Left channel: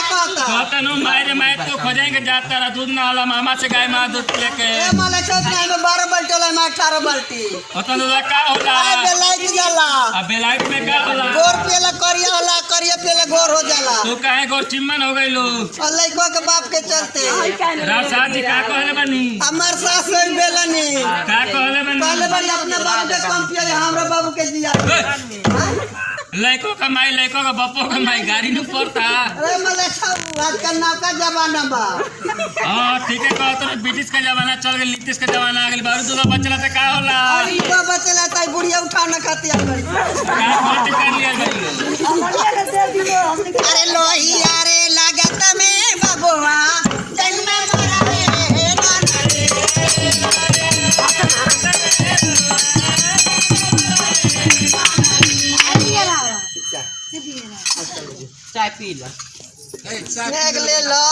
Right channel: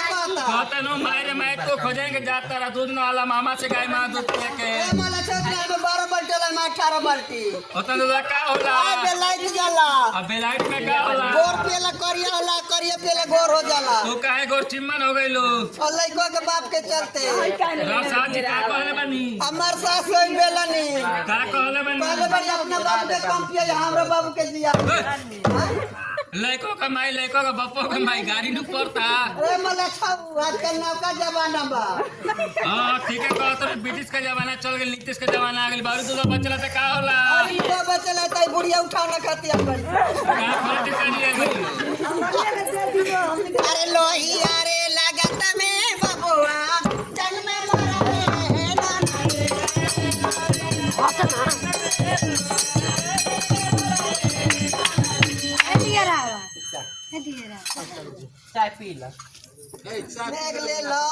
मारे मैं तो खोजेंगे जाता रहा दूध ना वाला मामा से गाय माँ दूध लेके 12 बाल्टी वाला में 18 बाल्टी होता दूधा का होला बेलायत जाला अब बेलायत में का होला गोर पेला करिया होला करिया पेला गोर हो जाला तू काहे गोर चिम्मन हो गई लो लइका के बाप के चलते रासा जी का कहले बनी हमार सास नहीं बेलनी का कहले बनी अपना बाप के काम पिए हमरा बाबू के जिया लइको कमाई लइको का बप्पो कमाई गाड़ी नु पड़ता अरे मले छाबू आजकल नौका जमाना बा हां ठीक है कहत रहे ब्रिटिश का जमाना चल गए नीतीश का जमाना आ गइल बारू दूल्हा बचला त का होला इनको बचला त बुढ़िया उठा न खाती हमारी का पार्टी करनी है भाई अरे लोहिया रे लागत में बबुआ जन्म मरा रे चाय पी लो ले लो